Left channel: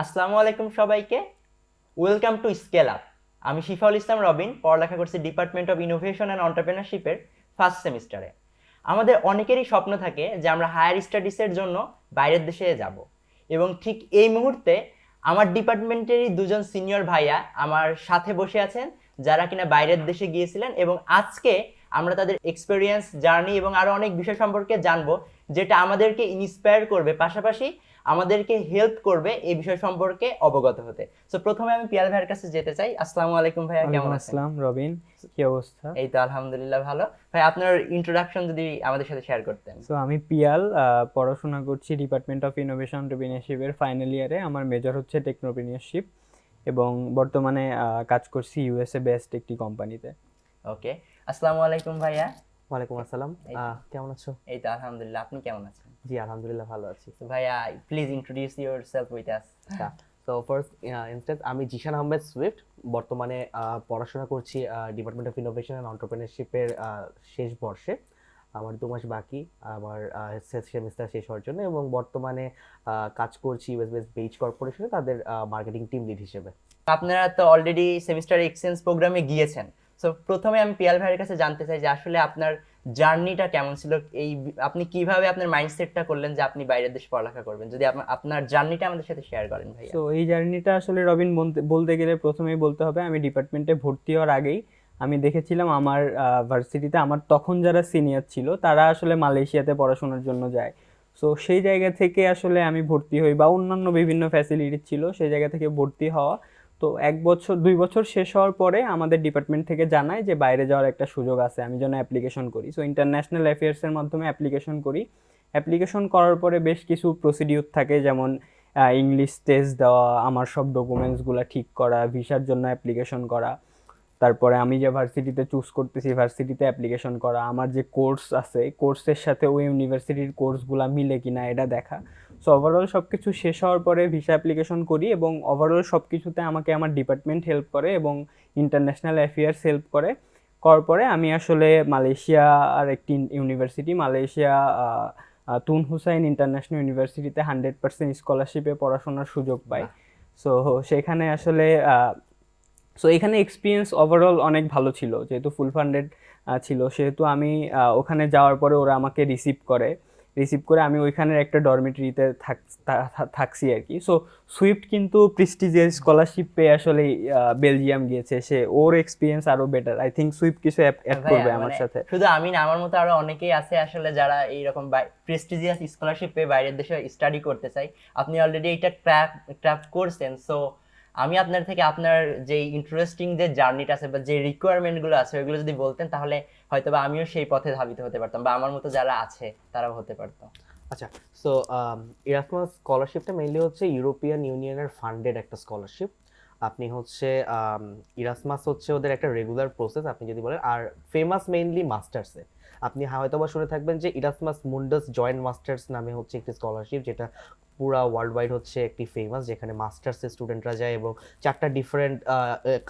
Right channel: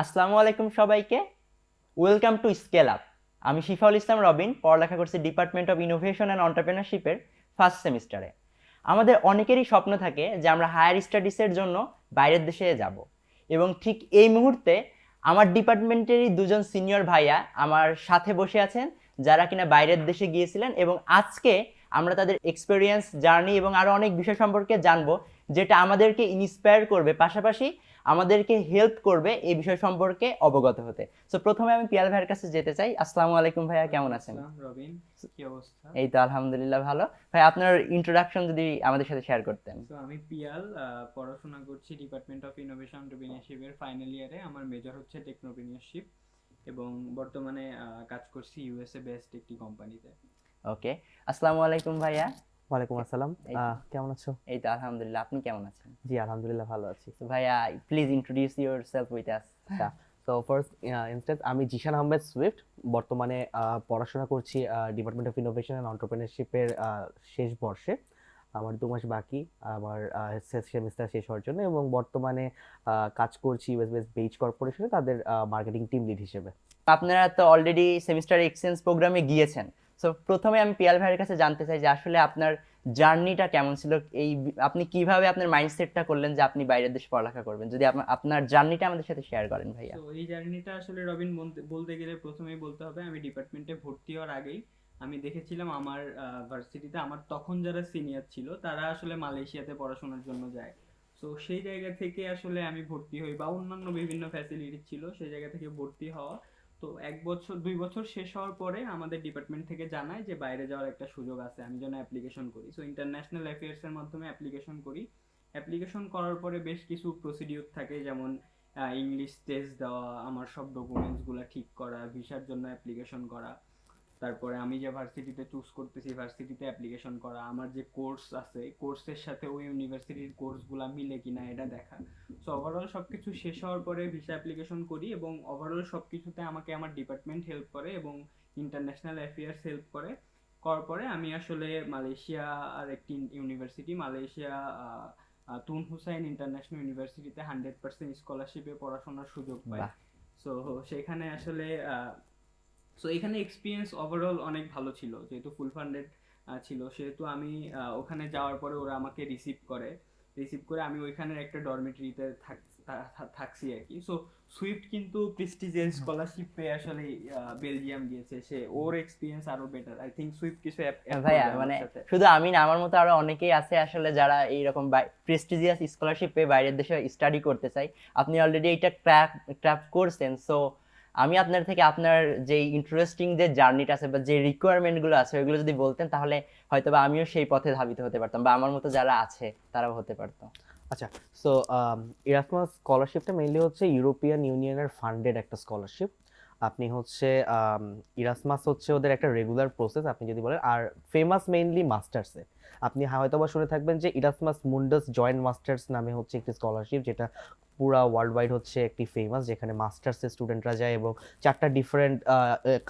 আসসালামু আলাইকুম সবাইকে। Welcome to scale up. আমি শিফাউল ইসলাম রবিন, পড়ালেখা করছি ডিপার্টমেন্ট অফ ইনোভেশন অ্যান্ড এন্টারপ্রেনারশিপের ফার্স্ট সেমিস্টারে। আমাদের অনেকেরই স্বপ্ন থাকে যে আমরা হায়ার স্টাডিজের জন্য বাইরের দেশে যাব, এবং ঠিক এই মুহূর্তে আমার ডিপার্টমেন্টেরই দুজন সিনিয়র ভাইয়া আমার সাথে বসে আছেন, যারা কিনা বাইরের দেশে গিয়েছিলেন, এবং আজকে আমরা তাদের এক্সপেরিয়েন্স, জার্নি এবং আরও অনেক বিষয় সম্পর্কে জানবো, যেটা আমাদেরকে ইন্সপায়ার করবে, পাশাপাশি আমাদেরকে হেল্প করবে এই বিষয় সম্পর্কে অবগত হতে। সো প্রথমে আমি পিয়াল ভাইয়ের কাছে যেতে চাই। আসসালামু আলাইকুম ভাইয়া, কেমন ওয়ালাইকুম আছেন? আসসালাম রবিন, কি অবস্থা? এই তো আলহামদুলিল্লাহ ভালো। ভাই, আপনার ইন্ট্রোডাকশন যদি আমাদের সাথে শেয়ার করতেন। আমি পিয়াল, পড়াশোনা করছি ডিপার্টমেন্ট অফ ইনোভেশন এন্টারপ্রেনিউরশিপের ফাইনাল ইয়ারে। আমার মেজর হচ্ছে টেকনোপ্রেনিউরশিপ এবং বর্তমানে কাজ করছি ইউএসএ বেসড একটি কোম্পানিতে। ওকে। আসসালামু আলাইকুম ভাইয়া। ওয়ালাইকুম আসসালাম। এই তো কেমন আছো? এই তো আলহামদুলিল্লাহ, আপনি কেমন আছেন? জি আলহামদুলিল্লাহ ভালো আছি। তো ভাইয়া, please introduce yourself with us. আচ্ছা, তো ফার্স্ট ইনস্ট্যান্স আমি জিশান আহমেদ সুইফট। বর্তমানে পড়াশোনা করছি ডিপার্টমেন্ট অফ ইনোভেশন অ্যান্ড এন্টারপ্রেনারশিপের শেষ বর্ষে। আমার 2 মাস বাকি আমার শেষ সেমিস্টার শেষ হওয়ার জন্য, এবং বর্তমানে কাজ করছি ইউএস বেস বেইজ কর্পোরেশনে তাদের মার্কেটিং টিম লিড হিসেবে। আপনারা তো অলরেডি সেমিস্টার এক্সচেঞ্জ প্রোগ্রামে গিয়েছেন। সো প্রথমে আমি পিয়াল ভাইয়ের কাছে জানতে চাই যে আসলে আপনার জার্নিটা কেমন ছিল, আপনি কিভাবে আপনার মাইন্ডসেটটা করলেন যে আপনি বাইরের দেশে পড়ালেখা করবেন, যদি আপনার জার্নিটা আমাদের সাথে শেয়ার করেন ভাইয়া। তো এই জার্নিটা আসলে রবিন বলতে গেলে প্রথমেই বলতে হবে আমি ডিপার্টমেন্টে ভর্তি হওয়ার আগেই আমি দেখেছিলাম আমার ভার্সিটিতে আমার তখন যারা সিনিয়র ছিল তারা আসলে মালয়েশিয়াতে পড়াশোনার জন্য যায়। সো সেই জায়গা থেকে আসলে আমি ভর্তি হই, বা অন্যান্য বিভিন্ন ফ্যাসিলিটি ছিল সেই জায়গা থেকে ভর্তি হওয়া। তো 1 বছর 2 বছর শেষ হওয়ার পরে আমাদের ডিপার্টমেন্ট থেকে জানায় যে বাইরে যাওয়ার একটা সুযোগ আছে, আমি যেন অ্যাপ্লিকেশন করি। সো ইন্টারন্যাশনাল অ্যাফেয়ার্সের মাধ্যমে অ্যাপ্লিকেশন করি। অ্যাপ্লিকেশন করার পরে বেশ কিছু প্রসিডিউর থাকে, যেমন ইংলিশ টেস্ট দেওয়া, আমার সব ডকুমেন্টসগুলো ঠিক করা, ভিসার জন্য অ্যাপ্লিকেশন করা, তারপরে আমি যে ভার্সিটিতে চুজ করতেছি ভার্সিটিতে অ্যাপ্লিকেশন করা, আমার যে কোর্স আছে কোর্সের সাথে ওই ইউনিভার্সিটির কোর্সগুলো মিলে কিনা এটা দেখা। সো ওভারঅল সব কিছু শেষ হওয়ার পরে ভিসা অ্যাপ্লিকেশন করি, এবং ওভারঅল সব কিছুতে আমাকে আমার ডিপার্টমেন্ট হেল্প করে এবং ইন্টারন্যাশনাল অ্যাফেয়ার্স হেল্প করে। করার পরে আমি আসলে মালয়েশিয়া আর একটি ইউনিভার্সিটি, মালয়েশিয়া তুন হুসাইন ইন্টারন্যাশনাল ইউনিভার্সিটিতে 100% স্কলারশিপে পড়াশোনার সুযোগ পাই। সো সেখানে আসলে এখানে এক্সপিরিয়েন্স ওভারঅল অনেক ভালো ছিল, যেহেতু ফুল ফান্ডেড ছিল, সেহেতু আমি ওখানে যাওয়ার পরে ওরা আমাকে রিসিভ করে আমি ওইখানের একটা ডরমিটরিতে থাকছি আর কি। সো সুইফট কিন্তু প্রেস্টিজিয়াস স্কলারশিপ পেয়ে আসলে বেলজিয়াম গিয়েছে, সে ওর এক্সপিরিয়েন্স আরো বেটার। আই থিঙ্ক সুইফট কিছু অ্যাড ভাইয়া করবে মানে আমার সাথে। শুধু আমি না, আমার মতো আরো অনেকেই আছে আসলে যারা এইরকম প্রেস্টিজিয়াস স্কলারশিপ পেয়ে বাইরের দেশে স্টাডি করতে চাই। আপনি অলরেডি এটা ক্র্যাক করছেন। সো আমি আপনার থেকে আপনার যে ইন্টারেস্টিং যে জার্নিটা আছে বা যে রিকোয়ারমেন্টগুলো আছে ওইগুলো যদি বলতেন, তাহলে হয়তো বা আমিও সেই পথে ধাবিত হতে পারতাম, বা আমার মতো যারা আছে তারাও হতে পারতো। আচ্ছা, সো ইরাসমাস স্কলারশিপটা মেইনলি হচ্ছে ইউরোপিয়ান ইউনিয়নের ফান্ডেড একটা স্কলারশিপ। আপনি হচ্ছে ইরাসমাস হচ্ছে ওদের একটা রেগুলার প্রসেস আপনি যদি বলেন, আর ফেমাস মেইনলি মাস্টার্সে। আপনি হয়তো বা শুনে থাকবেন যে ইরাসমাস মুন্ডাস জয়েন্ট মাস্টার্স নামে হচ্ছে একটি স্কলারশিপ, যেটা পুরা ওয়ার্ল্ড ওয়াইড হচ্ছে একটি ফেমাস, যেখানে মাস্টার্সের স্টুডেন্টরা যায় এবং 4টা ডিফারেন্ট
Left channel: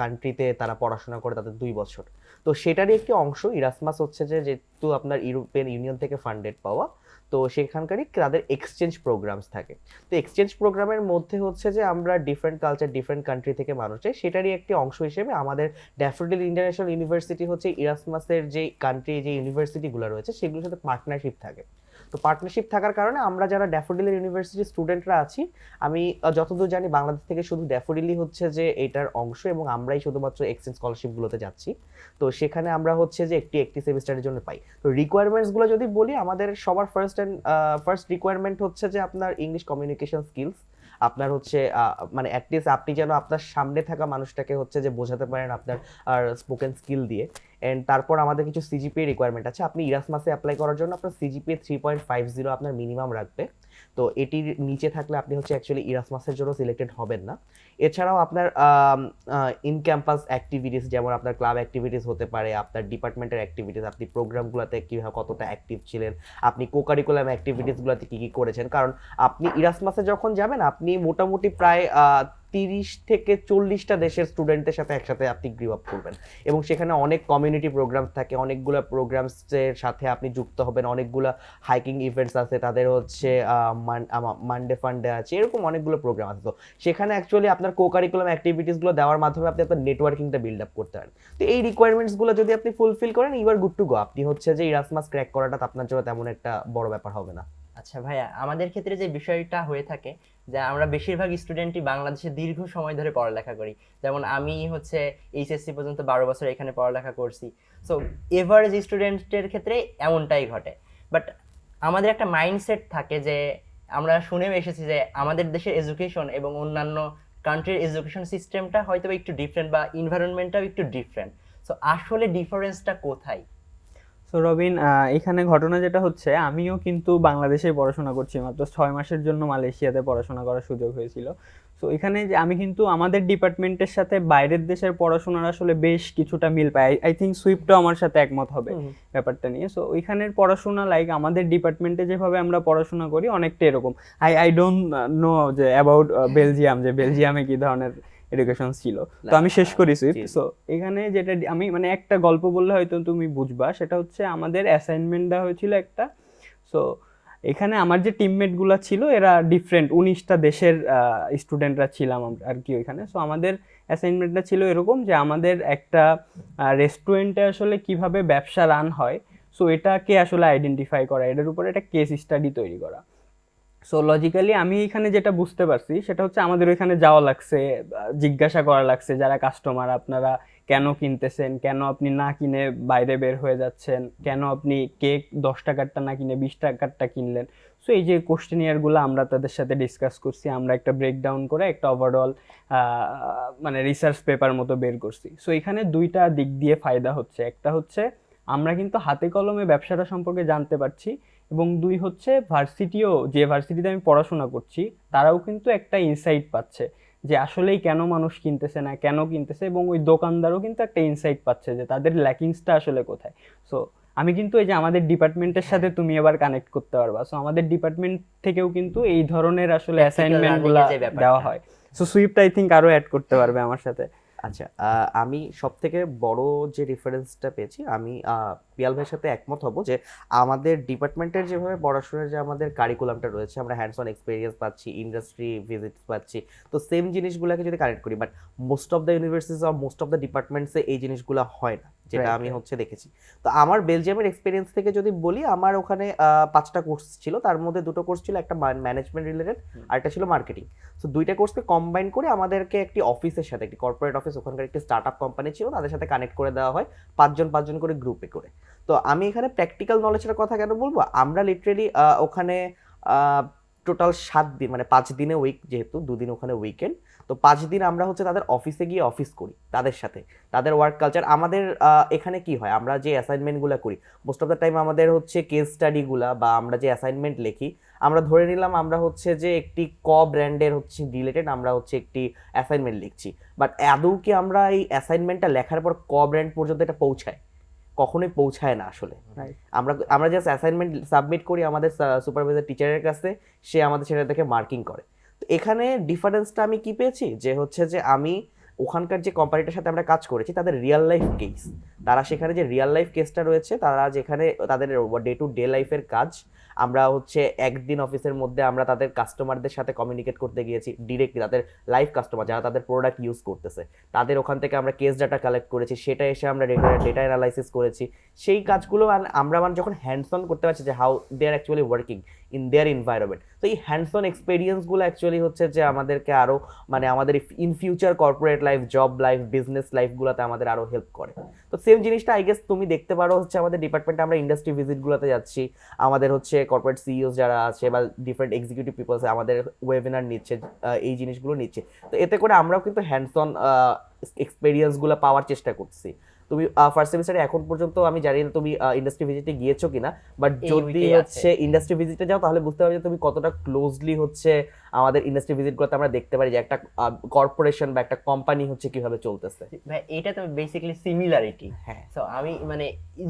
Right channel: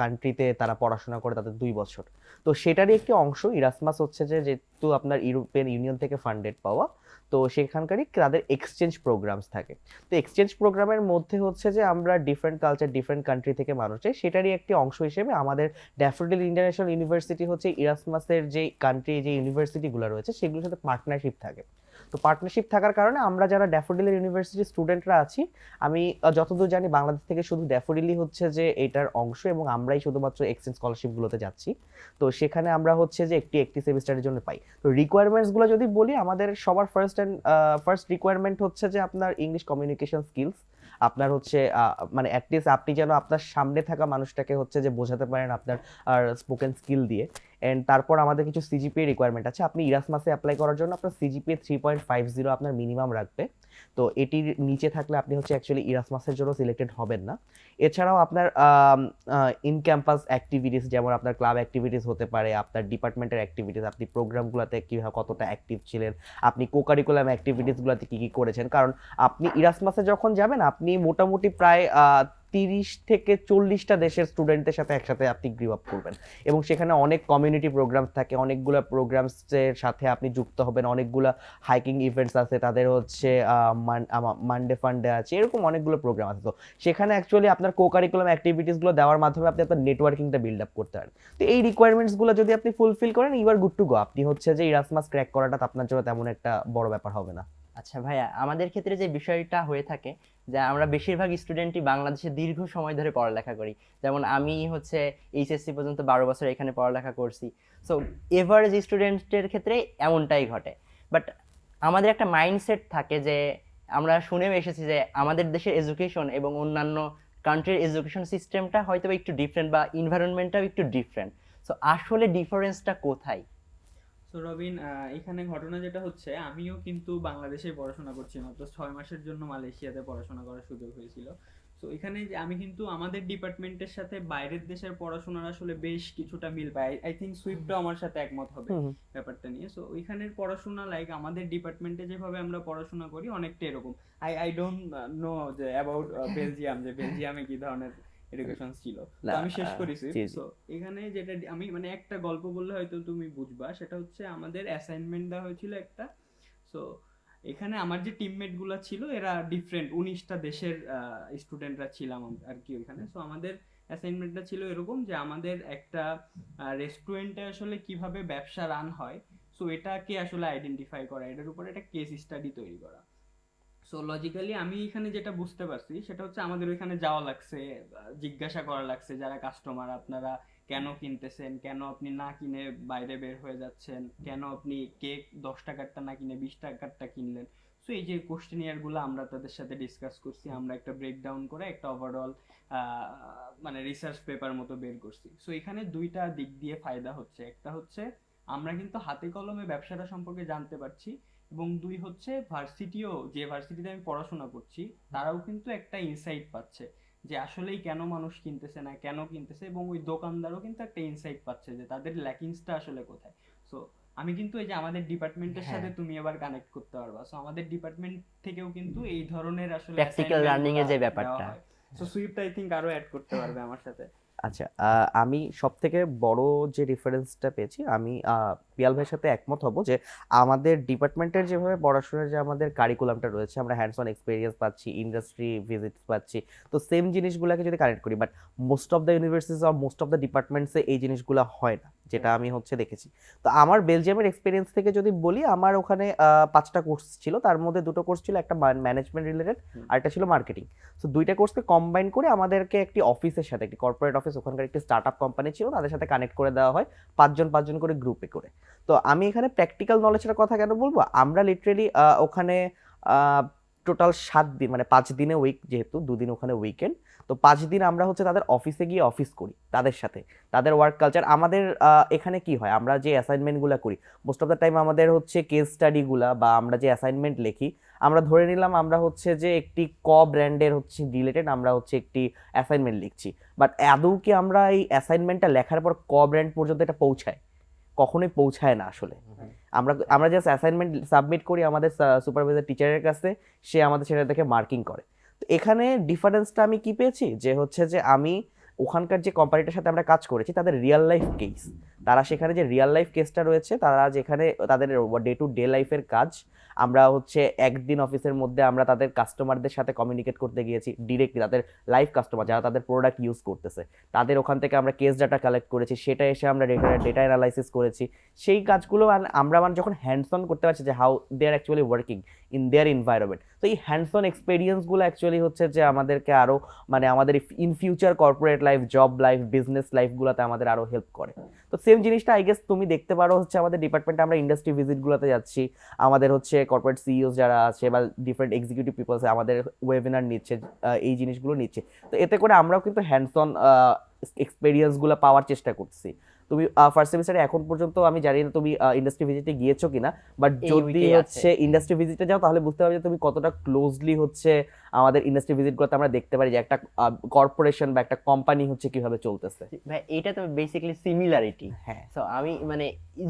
কান্ট্রিতে তারা পড়াশোনা করে তাদের 2 বছর। তো সেটারই একটি অংশ ইরাসমাস হচ্ছে যে, যেহেতু আপনার ইউরোপিয়ান ইউনিয়ন থেকে ফান্ডেড পাওয়া, তো সেখানকারই তাদের এক্সচেঞ্জ প্রোগ্রামস থাকে। তো এক্সচেঞ্জ প্রোগ্রামের মধ্যে হচ্ছে যে আমরা ডিফারেন্ট কালচার ডিফারেন্ট কান্ট্রি থেকে মানুষ চাই, সেটারই একটি অংশ হিসেবে আমাদের ড্যাফোডিল ইন্টারন্যাশনাল ইউনিভার্সিটি হচ্ছে ইরাসমাসের যে কান্ট্রি যে ইউনিভার্সিটিগুলো রয়েছে সেগুলোর সাথে পার্টনারশিপ থাকে। তো পার্টনারশিপ থাকার কারণে আমরা যারা ড্যাফোডিলের ইউনিভার্সিটির স্টুডেন্টরা আছি, আমি যতদূর জানি বাংলাদেশ থেকে শুধু ড্যাফোডিলই হচ্ছে যে এটার অংশ, এবং আমরাই শুধুমাত্র এক্সচেঞ্জ স্কলারশিপগুলোতে যাচ্ছি। তো সেখানে আমরা হচ্ছে যে একটি সেমিস্টারের জন্য পাই। তো রিকোয়ারমেন্টসগুলো যদি বলি, আমাদের সবার ফার্স্ট রিকোয়ারমেন্ট হচ্ছে যে আপনার ইংলিশ কমিউনিকেশন স্কিলস। আপনার হচ্ছে মানে অ্যাটলিস্ট আপনি যেন আপনার সামনে থাকা মানুষটাকে হচ্ছে যে বোঝাতে পারেন আপনার আর স্পোকেন স্কিল দিয়ে। এন্ড তারপর আমাদের কিছু সিজিপিএ রিকোয়ারমেন্ট আছে। আপনি ইরাসমাসে অ্যাপ্লাই করার জন্য আপনার সিজিপিএ 3.50 আপনার মিনিমাম রাখবে। তো এটির নিচে থাকলে আপনি হচ্ছে অ্যাকচুয়ালি ইরাসমাসের জন্য সিলেক্টেড হবেন না। এছাড়াও আপনার ইন ক্যাম্পাস অ্যাক্টিভিটিস, যেমন আপনার ক্লাব অ্যাক্টিভিটিস হতে পারে, আপনার ডিপার্টমেন্টের অ্যাক্টিভিটিস, আপনি প্রোগ্রামগুলোতে কীভাবে কতটা অ্যাক্টিভ ছিলেন, আপনি কোকারিকুলাম অ্যাক্টিভিটিসগুলোতে কী কী করেছেন। কারণ আপনি ইরাসমাসে যখন যাবেন আপনি মোটামুটি প্রায় 30 থেকে 40টা দেশের স্টুডেন্টদের সাথে একসাথে আপনি গ্রো আপ করবেন, এবং সেখানে অনেক কমিউনিটি প্রোগ্রামস থাকে, অনেকগুলো প্রোগ্রামসের সাথে আপনি যুক্ত হবেন, অনেকগুলো হাইকিং ইভেন্টস আছে, তাদের হচ্ছে মানডে ফান্ডে আছে, এরকম অনেকগুলো প্রোগ্রাম আছে। তো সেখানে অ্যাকচুয়ালি আপনার কো কারিকুলাম অ্যাক্টিভিটিসগুলো দেওয়ার মাধ্যমে আপনি আপনার নেটওয়ার্কিংটা বিল্ড আপ করতে পারেন। তো এই রিকোয়ারমেন্টসগুলো যদি আপনি ফুলফিল করেন, you are good to go. আপনি হচ্ছে যে ইরাসমাস ক্র্যাক করাটা আপনার জন্য তেমন একটা বড় ব্যাপার হবে না। আচ্ছা ভাইয়া, আমাদের ক্ষেত্রে যে বিষয়টা হয়ে থাকে যে আমরা বেশিরভাগ স্টুডেন্টই বাংলাদেশে দীর্ঘ সময় ধরে পড়ালেখা করি, যেমন আমি হচ্ছে এইচএসসি পর্যন্ত 12 বছর এখানে পড়ালেখা করছি। সো এভারেজ স্টুডেন্টের ক্ষেত্রে এমনটাই ঘটে। বাট আমাদের একটা মাইন্ডসেট থাকে যে আমরা শুনেও এসেছি যে আমাদের দেশের এডুকেশন এবং অন্যান্য কান্ট্রির এডুকেশন সিস্টেমটা হয়তো একটু ডিফারেন্ট বা এনভায়রনমেন্টটাও একটু ডিফারেন্ট। সো আসলে ডিফারেন্সটা কোথায়? তো রবিন, এখানে ঘটনা যেটা হচ্ছে, আমিও কিন্তু বাংলাদেশে পড়াশোনা করছি, মাত্র 6 মাসের জন্য মালয়েশিয়াতে পড়াশোনা করার সুযোগ হয়েছিল। তো এখানে যে আমি কিন্তু আমাদের ডিপার্টমেন্টের সাথে বাইরের দেশের পড়াশোনার আসলে বেশ কিছুটা মিল পাই। আই থিঙ্ক সুইফটও আমার সাথে একমত হবে ব্যাপারটা নিয়ে। সো ওইখানের পড়াশোনা লাইক আমাদের ডিপার্টমেন্টে যেভাবে আমরা পড়াশোনা করি অনেকটা এরকম। আই ডোন্ট নো যে অ্যাবাউট বেলজিয়াম, যে বেলজিয়ামে কি ধরনের এডুকেশন ছিল। তো আমি শেষ করি সুইফট। সো এখানে যেটা আমি মানে একটা গল্প বললে হয়তো তুমি বুঝবা, সেটা হচ্ছে আমাদের অ্যাসাইনমেন্ট দেওয়া হয়েছিল একটা। সো এখানে আমার যে টিমমেট গুলা ছিল এরা ডিফারেন্ট 19টা দেশের স্টুডেন্টরা ছিলাম আর কি ওইখানে। সো আমাদের অ্যাসাইনমেন্টটা ছিল এরকম যে আমাদের একটা রেস্টুরেন্টে আসলে কিভাবে ব্যবসা রান হয়, সো এটাকে আসলে আইডেন্টিফাই করা, এটার উপরে একটা কেস স্টাডি তৈরি করা। সো লজিক্যালি আমি এখানে যেটা বুঝতে পারছি সেটা হচ্ছে আমাদের ওইখানে যাওয়া লাগছে, জিজ্ঞাসা করা লাগছে যারা কাস্টমার, আপনারা কেন কিনতেছেন, কেন আপনি না কিনে বাইরে বের হয়ে যাচ্ছেন, কেন আপনি কেক 10 টাকারটা না কিনে 20 টাকারটা কিনলেন। সো এই যে কোশ্চেনিয়ারগুলো আমরা তাদের সাথে ডিসকাস করছি, আমরা একটা ব্রেকডাউন করে একটা ওভারঅল মানে রিসার্চ পেপার মতো বের করছি। সো এখানে দুইটা দিক দিয়ে ফায়দা হচ্ছে, একটা হচ্ছে আমরা কিন্তু হাতে কলমে ব্যবসাটা সম্পর্কে জানতে পারছি, এবং দুই হচ্ছে ভার্সিটিও, যে ভার্সিটিতে আমি পড়াশোনা করছি তারাও কিন্তু একটা ইনসাইট পাচ্ছে যে আসলেই কেন মানুষ কিনতেছে না, কেন কিনতেছে, এবং ওই দোকানদারও কিন্তু একটা ইনসাইট পাচ্ছে যে তাদের ল্যাকিংসটা আসলে কোথায়। সো আমি কিন্তু এই যে আমাদের ডিপার্টমেন্টের সাথে তুমি এবার কানেক্ট করতে পারবা, সো আমাদের ডিপার্টমেন্ট থেকেও কিন্তু এই ধরনের আসলে অ্যাসাইনমেন্টগুলো দেওয়া হয়। সো সুইফট আই থিঙ্ক আরো অ্যাড করতে পারবে আমার সাথে। আচ্ছা, আমি সব থেকে বড় যে ডিফারেন্সটা পেয়েছি, আমি পিয়াল ভাইয়ের সাথে একমত হব যে আমাদের ডিপার্টমেন্টের যেভাবে পড়াশোনার যে আমাদের কারিকুলামটা রয়েছে, আমরা হ্যান্ডস অন এক্সপিরিয়েন্স পাচ্ছি, ইন্ডাস্ট্রি ভিজিট পাচ্ছি, তো সেম জিনিসগুলোকে যদি কানেক্ট করি, but most of the universities আর মোস্ট অফ দ্য ডিপার্টমেন্টসে এই জিনিসগুলো হয় না, যেটা আমি হচ্ছে দেখেছি। তো আমার বেলজিয়ামের এক্সপিরিয়েন্স থেকে যদি বলি, আমার ওখানে 5টা কোর্স ছিল, তার মধ্যে 2টো কোর্স ছিল একটা ম্যানেজমেন্ট রিলেটেড আর একটা ছিল মার্কেটিং। তো 2টা কোর্সকে কম্বাইন করে আমাদেরকে একটি অফিসের সাথে, একটি কর্পোরেট অফিস, ওখানকার একটি স্টার্ট আপ কোম্পানি ছিল, তাদের সাথে কানেক্ট করে দেওয়া হয় 5জন করে গ্রুপে করে। তো আমি এখানে প্র্যাকটিক্যাল নলেজের কথা কেন বলবো, আমরা লিটারেলি ওখানে টোটাল 7 দিন, মানে 5 দিনে উইক, যেহেতু 2 দিন ওখানে উইকেন্ড, তো 5 দিন আমরা হচ্ছে তাদের অফিসে গিয়ে অফিস করি, তাদের সাথে তাদের ওয়ার্ক কালচার। আমাদের এখানে কি হয়, আমরা যে অ্যাসাইনমেন্টগুলো করি মোস্ট অফ দ্য টাইম আমাদের হচ্ছে কেস স্টাডিগুলা বা আমরা যে অ্যাসাইনমেন্ট লিখি, আমরা ধরে নিলাম আমরা হচ্ছে যে একটি ব্র্যান্ডের হচ্ছে রিলেটেড আমরা হচ্ছে একটি অ্যাসাইনমেন্ট লিখছি, বাট আদৌ কি আমরা এই অ্যাসাইনমেন্টটা লেখার পর ব্র্যান্ড পর্যন্ত এটা পৌঁছায়? কখনোই পৌঁছায় না আসলে। আমরা জাস্ট অ্যাসাইনমেন্ট সাবমিট করি আমাদের সুপারভাইজার টিচারের কাছে, সে আমাদের সেটা দেখে মার্কিং করে। তো এখানে ডিফারেন্সটা আমি কি পেয়েছি, যে হচ্ছে যে আমি ওখানকার যে কোম্পানিটার সাথে আমরা কাজ করেছি তাদের রিয়েল লাইফ কেস, তারা সেখানে যে রিয়েল লাইফ কেসটা রয়েছে, তারা যেখানে তাদের ডে টু ডে লাইফের কাজ, আমরা হচ্ছে একদিন অফিসের মধ্যে আমরা তাদের কাস্টমারদের সাথে কমিউনিকেট করতে গিয়েছি ডিরেক্টলি, তাদের লাইভ কাস্টমার যারা তাদের প্রোডাক্ট ইউজ করতেছে, তাদের ওখান থেকে আমরা কেস ডাটা কালেক্ট করেছি, সেটা এসে আমরা ডেটা অ্যানালাইসিস করেছি। সেই কাজগুলো আমরা যখন হ্যান্ডস অন করতে পারছি যে how they are actually working in their environment, তো এই হ্যান্ডস অন এক্সপিরিয়েন্সগুলো অ্যাকচুয়ালি হচ্ছে যে আমাদেরকে আরও মানে আমাদের in future corporate life, job life, business লাইফগুলোতে আমাদের আরও হেল্প করে। তো সেম জিনিসটা আই গেস তুমি দেখতে পারো হচ্ছে আমাদের ডিপার্টমেন্টে, আমরা ইন্ডাস্ট্রি ভিজিটগুলোতে যাচ্ছি, আমাদের হচ্ছে কর্পোরেট সিইওস যারা আছে বা ডিফারেন্ট এক্সিকিউটিভ পিপলস আমাদের ওয়েবিনার নিচ্ছে, এই জিনিসগুলো নিচ্ছে। তো এতে করে আমরাও কিন্তু হ্যান্ডস অন এক্সপিরিয়েন্সগুলো পাওয়ার চেষ্টা করছি। তুমি ফার্স্ট সেমিস্টারে এখন পর্যন্ত আমি জানি না তুমি ইন্ডাস্ট্রি ভিজিটে গিয়েছো কিনা, বাট যদি হচ্ছে ইন্ডাস্ট্রি ভিজিটে যাও তাহলে বুঝতে পারবে যে তুমি কতটা ক্লোজলি হচ্ছে আমাদের ইন্ডাস্ট্রি ভিজিটগুলোতে আমরা দেখতে পারি যে একটা কর্পোরেশন বা একটা কোম্পানি হচ্ছে কিভাবে চলতেছে। ভাই এটা তো বেসিক্যালি সিমিলারিটি। হ্যাঁ, সো আমি মানে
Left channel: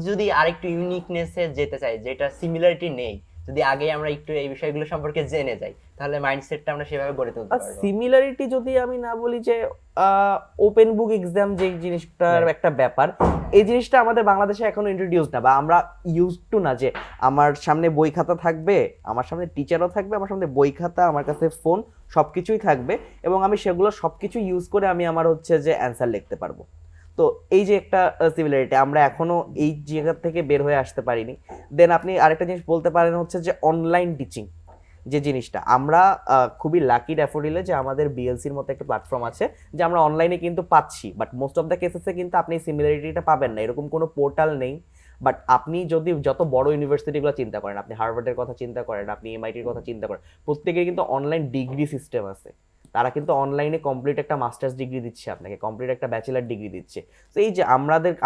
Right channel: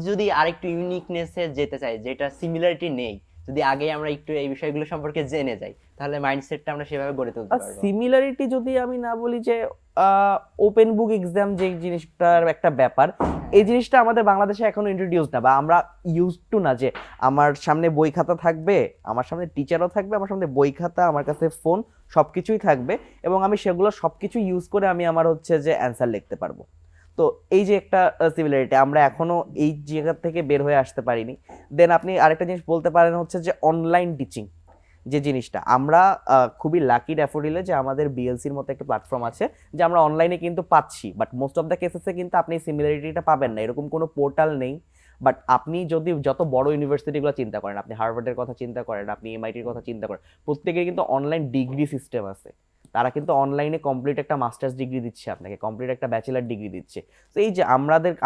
যদি আরেকটু ইউনিকনেসে যেতে চাই, যেটা সিমিলারিটি নেই, যদি আগেই আমরা একটু এই বিষয়গুলো সম্পর্কে জেনে যাই, তাহলে মাইন্ডসেটটা আমরা সেভাবে গড়ে তুলতে আর পারবো। সিমিলারিটি যদি আমি না বলি যে ওপেন বুক এক্সাম যে জিনিসটার একটা ব্যাপার, এই জিনিসটা আমাদের বাংলাদেশে এখনো ইন্ট্রোডিউস না, বা আমরা ইউজ টু না যে আমার সামনে বই খাতা থাকবে, আমার সামনে টিচারও থাকবে, আমার সামনে বই খাতা, আমার কাছে ফোন, সবকিছুই থাকবে, এবং আমি সেগুলো সবকিছু ইউজ করে আমি আমার হচ্ছে যে অ্যান্সার লিখতে পারবো। তো এই যে একটা সিমিলারিটি, আমরা এখনো এই জায়গা থেকে বের হয়ে আসতে পারিনি। দেন আপনি আরেকটা জিনিস বলতে পারেন হচ্ছে যে অনলাইন টিচিং যে জিনিসটা, আমরা খুবই লাকি ড্যাফোডিলে যে আমাদের বিএলসির মতো একটা প্ল্যাটফর্ম আছে, যে আমরা অনলাইনে কিন্তু পাচ্ছি, বাট মোস্ট অফ দ্য কেসেসে কিন্তু আপনি সিমিলারিটিটা পাবেন না, এরকম কোনো পোর্টাল নেই। বাট আপনি যদি যত বড় ইউনিভার্সিটিগুলো চিন্তা করেন, আপনি হার্ভার্ডের কথা চিন্তা করেন, আপনি এমআইটির কথা চিন্তা করেন, প্রত্যেকের কিন্তু অনলাইন ডিগ্রি সিস্টেম আছে। তারা কিন্তু অনলাইনে কমপ্লিট একটা মাস্টার্স ডিগ্রি দিচ্ছে আপনাকে, কমপ্লিট একটা ব্যাচেলার ডিগ্রি দিচ্ছে। তো এই যে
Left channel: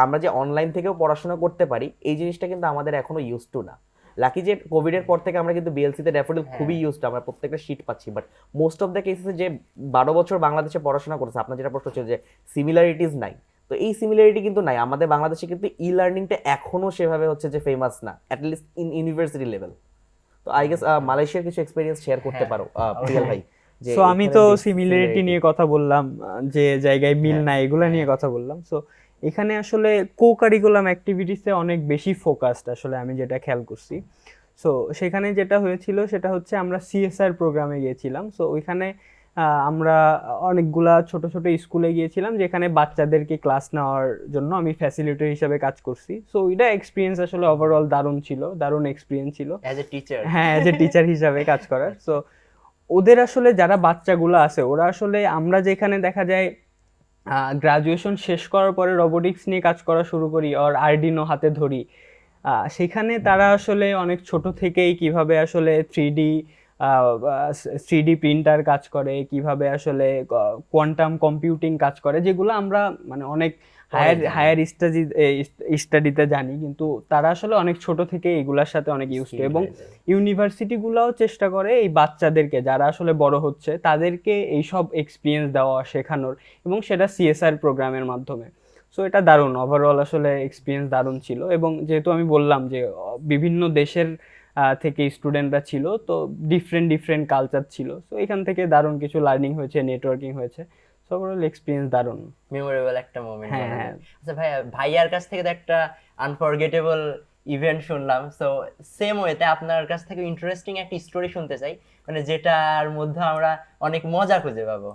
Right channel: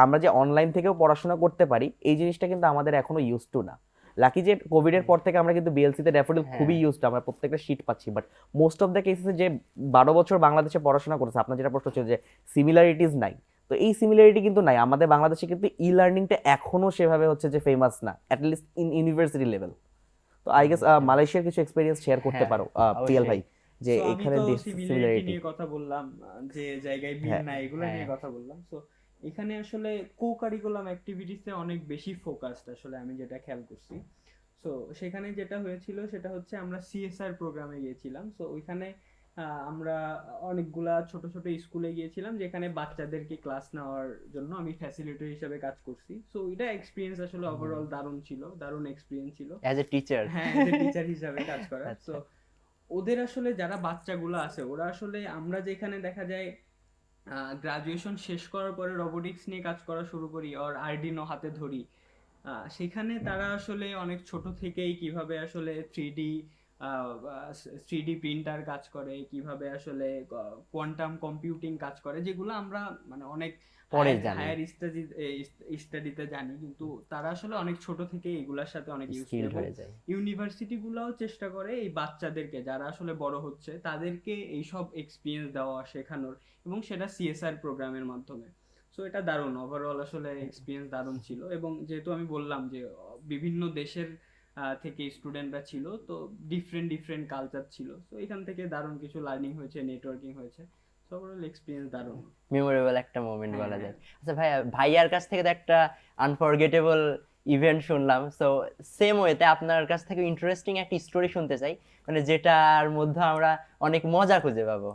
আমরা যে অনলাইন থেকেও পড়াশোনা করতে পারি, এই জিনিসটা কিন্তু আমাদের এখনো ইউজ টু না। লাকি যে কোভিডের পর থেকে আমরা কিন্তু বিএলসিতে ড্যাফোডিল খুবই ইউজ টু, আমরা প্রত্যেকটা শীট পাচ্ছি। বাট মোস্ট অফ দ্য কেসেসে যে 12 বছর বাংলাদেশে পড়াশোনা করেছে, আপনার যেটা প্রশ্ন ছিল যে সিমিলারিটিস নাই, তো এই সিমিলারিটি কিন্তু নাই আমাদের বাংলাদেশে, কিন্তু ই লার্নিংটা এখনো সেভাবে হচ্ছে যে ফেমাস না, অ্যাটলিস্ট ইন ইউনিভার্সিটি লেভেল। তো আই গেস মালয়েশিয়ার কিছু এক্সপেরিয়েন্স শেয়ার করতে পারো প্রিয়াল ভাই। যে সো আমি এখানে তো যে সিমিলারিটি similarity- নিয়ে কথা বললাম, যে জায়গায় মিল হ্যাঁ, নাই এগুলো নিয়ে কথা বললাম। সো এখানে আসলে কো কারিকুলাম অ্যাক্টিভিটিসে অনেক বেশি ফোকাসড আসলে আমি যেটা খেয়াল করছি। সো সেখানে যেটা হয়েছিল সেটা হচ্ছে আমরা সিএসআর প্রোগ্রামে গিয়েছিলাম। সো ওইখানে আমরা অনেকগুলা ছোট ছোট স্কুলে গিয়েছিলাম, যেখানে বাচ্চাদেরকে ক্লাস নেওয়ার জন্য আমি ফ্যাসিলিটেটর হিসেবে কাজ করছি। সো ওইটা এক্সপিরিয়েন্স আসলে ওভারঅল দারুণ ছিল, দারুণ এক্সপিরিয়েন্স ছিল অ্যাজ এ টিচার। হ্যাঁ, যে টিচার হিসাবে কাজ করার। সো ওদের আসলে যারা বাচ্চাগুলো আছে, ওরা আসলে আমরা যেখানে দেখা যায় গ্রাজুয়েশন শেষ করার পরে রোবোটিক্স নিয়ে কাজ করা শুরু করি আর আরডিনো হাতে ধরি, সেখানে তারা আসলে অনেক ছোট থেকেই কিভাবে আসলে থ্রিডি প্রিন্টার কাজ করে, কিভাবে আসলে কোয়ান্টাম কম্পিউটিং কাজ করে, যেগুলো আমরা মানে অনেক পরে জানি। হায়ার স্টাডিতে জানি, কিন্তু তারা আসলে অনেক ছোট থেকে এগুলার সাথে অনেক ইউজ করে। এবং ইউনিভার্সিটিগুলোও চেষ্টা করে এই বাচ্চাদেরকে যারা আসলে বড় হচ্ছে তাদেরকে এইসব এক্সপিরিয়েন্স দেওয়া, শেখানোর, এবং সেটা সিএসআর প্রোগ্রামের মাধ্যমে। সো এটা দারুণ, ওভারঅল আসলে এক্সপিরিয়েন্স দারুণ ছিল। এবং যেহেতু আমি বললাম যে বিভিন্ন দেশের থেকে স্টুডেন্টরা ছিল, তো ডিফারেন্ট ডিফারেন্ট কালচার ছিল, তো এখান থেকে দারুণ কিছু লার্নিং হয়েছে, নেটওয়ার্কিং হয়েছে। সো ওভারঅল এক্সপিরিয়েন্স দারুণ। মেমোরেবল একটা মোমেন্ট হ্যাঁ, বলা হ্যাঁ। যায়। আচ্ছা ভাইয়া, ভাইয়ার কাছ থেকে তো একটা আনফরগেটেবল ইভেন্ট শুনলাম, সো সেম ওয়েতে আপনার কাছ থেকে ইন্টারেস্টিং একটা স্টোরি শুনতে চাই, মানে যেটার মধ্যে আমরা অনেক মজা খুঁজে পাবো।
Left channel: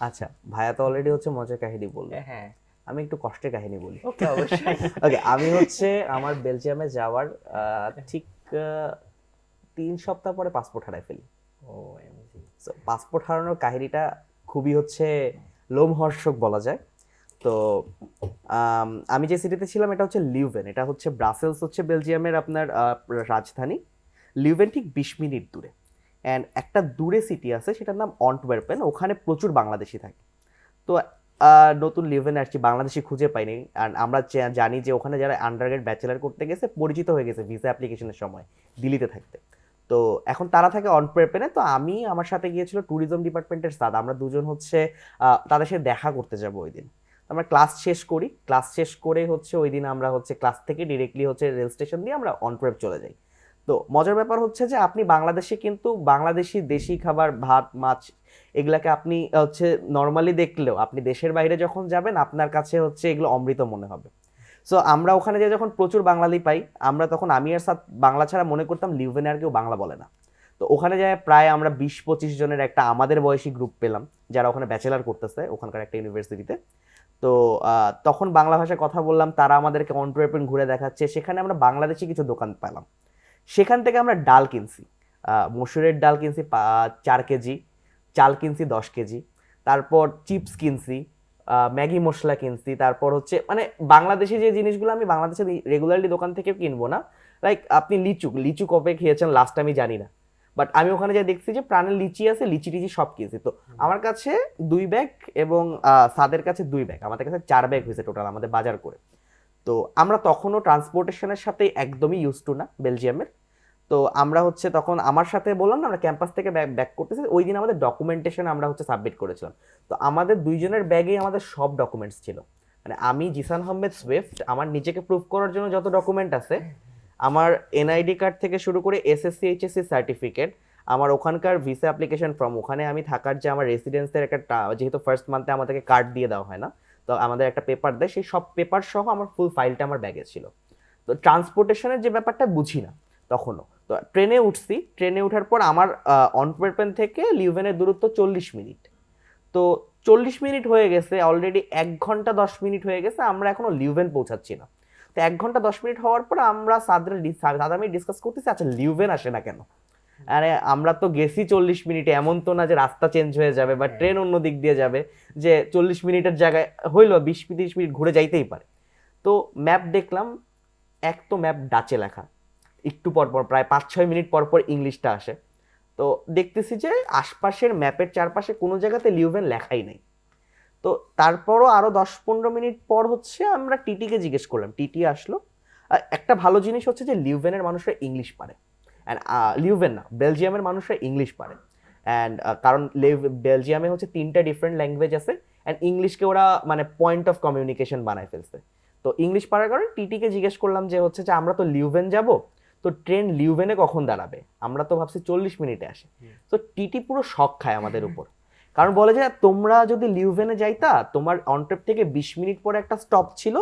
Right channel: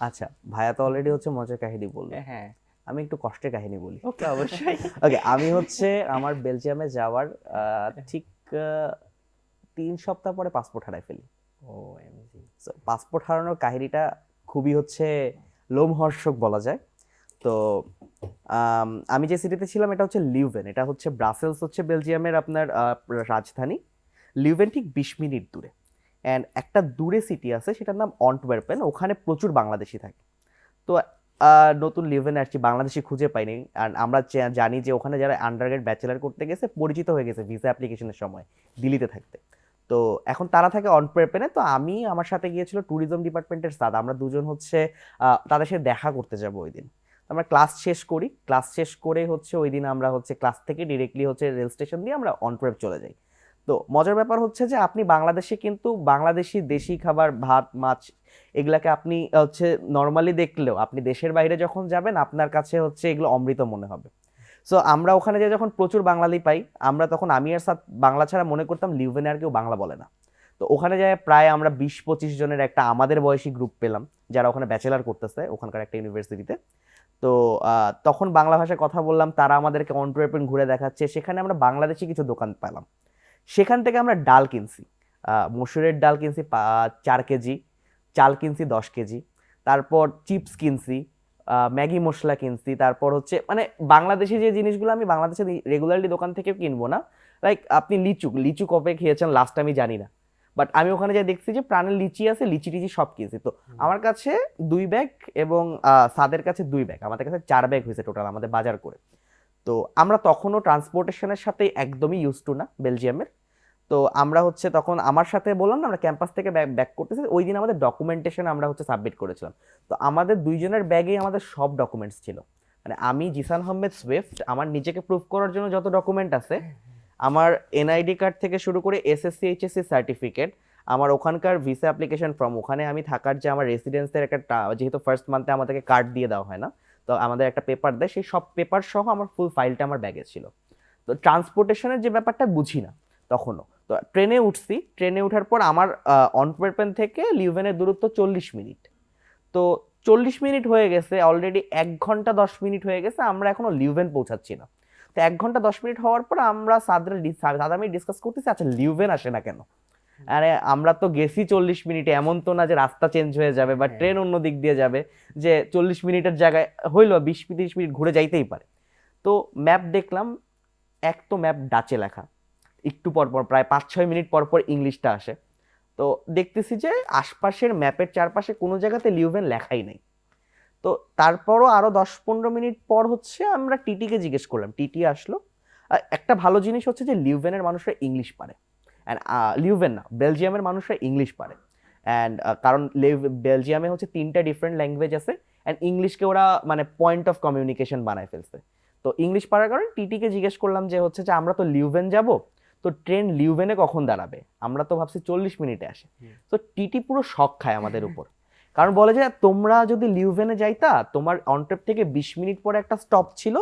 আচ্ছা, ভাইয়া তো অলরেডি হচ্ছে মজার কাহিনী বললো, হ্যাঁ, আমি একটু কষ্টের কাহিনী বলি। ওকে, অবশ্যই। ওকে, আমি হচ্ছে আমার বেলজিয়ামে যাওয়ার ঠিক 3 সপ্তাহ পরে পাসপোর্ট হারাই ফেলি। ও এমজি। সো পাসপোর্ট হারানোর কাহিনীটা খুবই হচ্ছে লোমহর্ষক বলা যায়। তো আমি যে সিটিতে ছিলাম এটা হচ্ছে লিউভেন, এটা হচ্ছে ব্রাসেলস হচ্ছে বেলজিয়ামের আপনার রাজধানী। লিউভেন ঠিক 20 মিনিট দূরে। অ্যান্ড একটা দূরে সিটি আছে সেটার নাম অন্টওয়ার্পেন, ওখানে প্রচুর বাংলাদেশি থাকে। তো নতুন লিভেন আসছি, বাংলাদেশি খুঁজে পাইনি। আর আমরা জানি যে ওখানে যারা আন্ডারগ্রেড ব্যাচেলার করতে গেছে পরিচিত হয়ে গেছে ভিসা অ্যাপ্লিকেশনের সময় দিল্লিতে থাকতে। তো এখন তারা থাকে অন্টওয়ার্পেনে। তো আমি আমার সাথে গিয়েছিল ট্যুরিজম ডিপার্টমেন্টের স্যার, আমরা দুজন হচ্ছে তাদের সাথে দেখা করতে যাব ওই দিন। আমরা ক্লাস শেষ করি, ক্লাস শেষ করে হচ্ছে ওই দিন আমরা হচ্ছে ক্লাস থেকে ডিরেক্টলি হচ্ছে রেল স্টেশন দিয়ে আমরা অন্টওয়ার্প চলে যাই। তো মজার ব্যাপার হচ্ছে যে আপনি বাংলাদেশে কিন্তু বাংলাদেশি দেশি খাবার, ভাত, মাছ, এগুলাকে আপনি হচ্ছে নর্মালি দেখলেও আপনি দেশের বাইরে যখন যাবেন আপনার কাছে হচ্ছে এগুলো অমৃত মনে হবে। সো আমরা ওখানে যে যখন প্রচুর বাঙালি পাই, আমরা তখন আমি আর সাথে বাংলা ছাড়া মনে করতাম লিউভেনে আর কেউ বাংলা বলে না। তো ওখানে যায় প্রায় আমরা 20-25 জনের একটা আমাদের বয়সী গ্রুপ পেলাম, যারা ওখানে ব্যাচেলার করতেছে ওখানকার একটা ইউনিভার্সিটিতে। তো তখন বাংলা ভাষায় কথা বললাম, তারা আমাদেরকে অন্টওয়ার্পেন ঘুরে দেখাচ্ছে, সেখানে আমরা বাংলাদেশি কিছু দোকান পেলাম। সেখান থেকে আমরা ডাল কিনছি, মসুরের ডাল কিনছি 4 কেজি, চাল কিনছি 10 কেজি, তারপর চিপস কিনছি, ম্যাগি মশলা কিনছি, তারপর হচ্ছে মানে বাংলাদেশি যে জিনিসগুলো আমি বাংলাদেশে রেগুলারলি দোকান থেকে কিনবো না। লাইক আপনি লিচু কবে খেয়েছেন লাস্ট আমি জানি না, বাট আমি ওখানে যা দেখছি যে প্রাণের লিচি আছে, লিচি টিচি সব কিনছি। তো আমার কাছে 2 ব্যাগ এবং সাদের কাছে 2 ব্যাগ, আমাদের কাছে 4 ব্যাগ হয়েছে টোটাল আমাদের বাজার করে। তো আমরা তখনও ট্রান্সপোর্টেশনের সাথে একদমই ইউজ টু না বেলজিয়ামের। তো আমরা হচ্ছে তখন আমার সাথে বললাম না আমরা ক্যাম্পাস থেকে ব্যাক করতেছি, ওই দিন আমাদের ডকুমেন্টেশন আমরা হচ্ছে সাবমিট করেছিলাম। তো আমাদের দুইজনের ব্যাগেই আমাদের সব ডকুমেন্টস ছিল, মানে আমি জিসান আহমেদ সুইফট, আমার নিজেকে প্রুভ করার জন্য যত ডকুমেন্ট আছে আমার এনআইডি কার্ড থেকে শুরু করে এসএসসি এইচএসসি সার্টিফিকেট, আমার ওখানকার ভিসা অ্যাপ্লিকেশন ফর্ম, ওখানে আমি থাকার যে আমার রেসিডেন্সের একটা যেহেতু ফার্স্ট মান্থে আমাদেরকে কার্ড দিয়ে দেওয়া হয় না, তো আমাদের একটা পেপার দেয়, সেই সব পেপার সহ আমার ফুল ফাইলটা আমার ব্যাগে ছিল। তো ট্রান্সপোর্টেশনের যে ব্যাপারটা বুঝি না তখনও। তো ট্রেনে উঠছি, ট্রেনে ওঠার পর আমার অন্টওয়ার্পেন থেকে লিউভেনের দূরত্ব 40 মিনিট। তো 40 মিনিট হয়ে গেছে, অলরেডি 1 ঘন্টা 10 মিনিট হয়ে গেছে, আমরা এখনো লিউভেন পৌঁছাচ্ছি না। তো 1 ঘন্টা 10 মিনিট হওয়ার পর আমরা সাদা আমি ডিসকাস করতেছি, আচ্ছা লিউভেন আসে না কেন? আরে আমরা তো গেছি 40 মিনিটে, এমন তো না যে রাস্তা চেঞ্জ হয়ে যাবে বা ট্রেন অন্য দিক দিয়ে যাবে যে 40 মিনিটের জায়গায় হইলো 20-30 মিনিট ঘুরে যাইতেই পারে। তো ম্যাপ দেখলাম, এক তো ম্যাপ ডাচে লেখা, একটু পর পর প্রায় 5-6 মিনিট পর পর ইংলিশটা আসে। তো দেখতেছি যে আশপাশের ম্যাপের চারপাশে কোনো জায়গাতে লিউভেন লেখাই নাই। তো তারপরও আরো 10-15 মিনিট পর হচ্ছে আমরা টিটিকে জিজ্ঞেস করলাম, টিটি আসলো। একটা ভালো জিনিস হচ্ছে যে লিউভেনের মানুষরা ইংলিশ পারে, অ্যান্ড লিউভেন না, বেলজিয়ামের মানুষরা ইংলিশ পারে। অ্যান্ড কারণ বেলজিয়ামে হচ্ছে 3টা ডিফারেন্ট ল্যাঙ্গুয়েজ আছে, অ্যান্ড ইংলিশকে ওরা মানে পয়েন্ট অফ কমিউনিকেশন বানায় ফেলছে। তো ইংলিশ পারার কারণে টিটিকে জিজ্ঞেস করলাম যে হচ্ছে যে আমরা তো লিউভেন যাব, তো ট্রেন লিউভেনে কখন দাঁড়াবে? আমরা তো ভাবছি 40 মিনিটে আসে। তো টিটি পুরো শক খায় আমাদের উপর, কারণ বলে যে তোমরা যদি লিউভেনে যাইতা, তোমার অনট্রেপ থেকে 20 মিনিট পরে একটা স্টপ ছিল,